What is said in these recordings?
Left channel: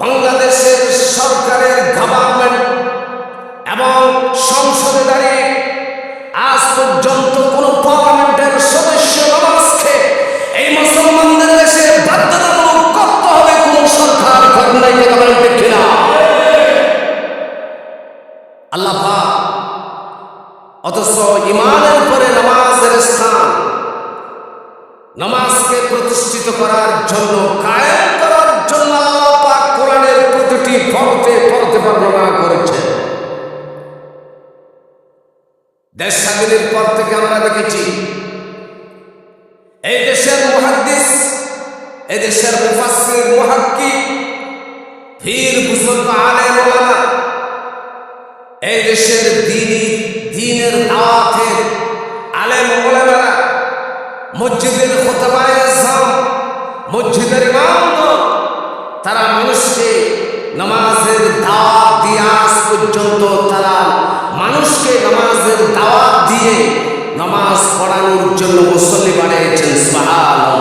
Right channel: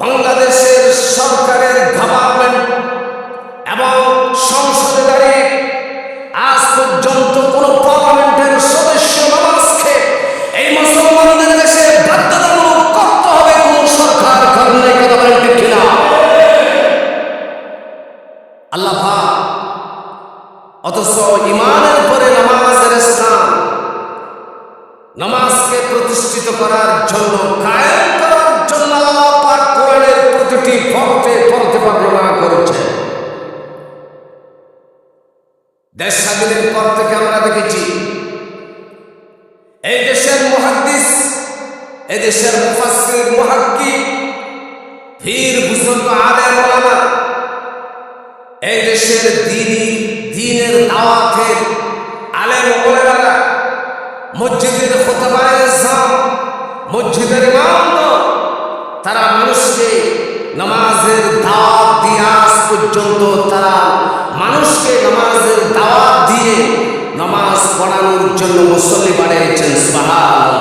বাংলাদেশের সরকারের গভর্নমেন্ট এবং সংসদে দাঁড়িয়ে আজ পর্যন্ত কোন পার্লামেন্টের সদস্য নামাজকে এই মুসলমানদের দেশে বাধ্যতামূলক করতে হবে কোন সরকার করেন নাই। কথা বলেন ঠিক কিনা? আল্লাহ পাক অথচ ইমানের পরে নামাজের স্থান, নামাজকে প্রতিষ্ঠিত করার জন্য, কায়েম করার জন্য আল্লাহ পাক কোরআনের প্রতিটি পরতে পরতে বর্ণনা করেছেন। দেশ স্বাধীনের পর থেকে আমরা দেখেছি এই দেশের মুহাদ্দিস, এই দেশের মুফাসসির, মুহাক্কিক, পীর বুজুর্গ, আলেম ওলামা, এই দেশের দ্বীনের দাওয়াতের আলেম ওলামারা, মসজিদের খুতবায়ে আযম, মসজিদের ইমামগণ, তারা মানুষকে নামাজের দাওয়াত দিয়ে আজ পর্যন্ত তারা মানুষকে নামাজের দাওয়াত দিয়ে নামাজ পড়ানোর জন্য মুসল্লি বাড়িয়েছেন। সুবহানাল্লাহ।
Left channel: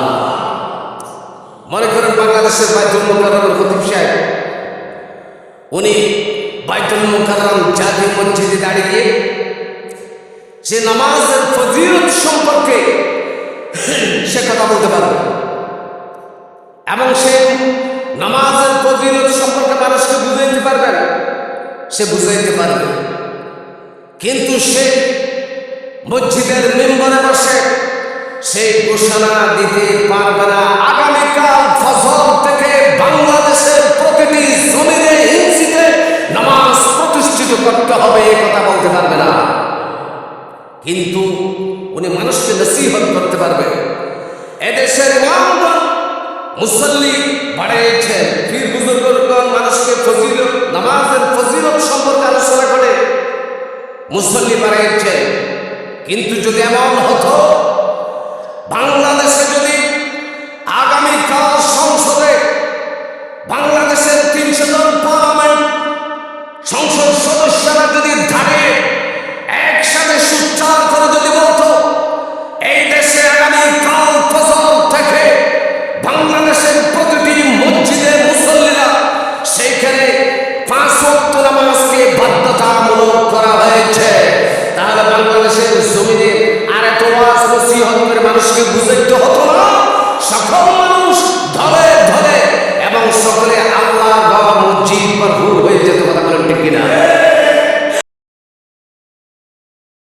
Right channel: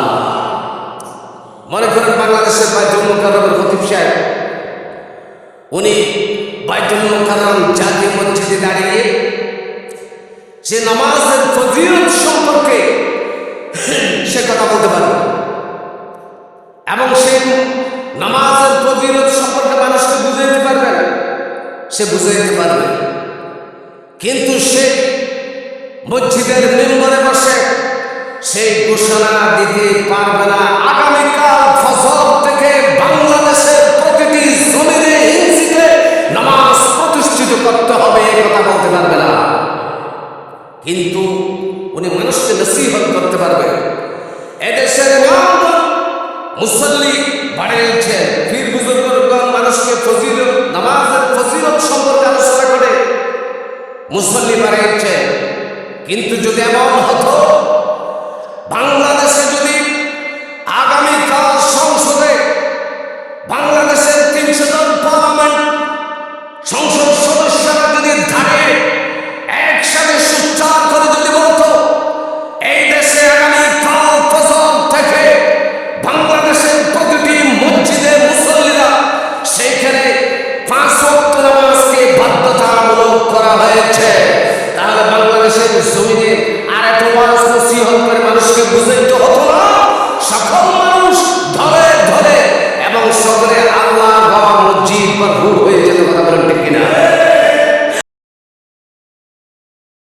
মনে করেন বাংলাদেশের বাইতুল মুকাররমের খতিব সাহেব, উনি বাইতুল মুকাররম জাতীয় মসজিদে দাঁড়িয়ে সে নামাজের ফজিলত সম্পর্কে সে কথা বলতে পারবে এবং সে নামাজের ফজিলত সম্পর্কে মানুষকে বুঝাইতে পারবেন, সে বুঝাইতে পারবে। কিন্তু সে মসজিদের মিম্বরে বসে সেই ঘোষণা দিতে পারবে না আগামীকাল ফজর থেকে বাংলাদেশের প্রতিটি জমিনে ইঞ্চিতে নামাজ প্রতিষ্ঠিত করতে হবে, এই কথা বলতে পারবে না। কিন্তু উনি মানুষকে নসিহত করতে পারবে। এদেশের ইমামগণ মুসল্লি বাড়িয়েছেন, পীর বুজুর্গগণ মানুষকে ফজিলত, নামাজের ফজিলত সম্পর্কে আলোচনা করে মুসল্লি বাড়িয়েছেন। কিন্তু যদি এমন হতো বাংলাদেশে যদি আগামীকাল সংসদে বাংলাদেশের ৩০০ জন পার্লামেন্ট সংসদ সদস্যরা যদি দাঁড়িয়ে একসাথে সুচ্চার করে যদি বলতো এই দেশে আগামীকাল ফজর থেকে বাংলাদেশের প্রতিটি মসজিদে মুসল্লিরা সেইখানে 5 ওয়াক্ত নামাজকে বাধ্যতামূলক করা হয়েছে, তাহলে বাংলাদেশের জমিনে আর এত ওয়াজ নসিহত করে মানুষকে বুঝাইতে হতো না। সকল মানুষ ধরে ধরে এবং সকলে আল্লাহর ঘর মসজিদ ভরপুর হয়ে যেত। কথা বলেন ঠিক কিনা?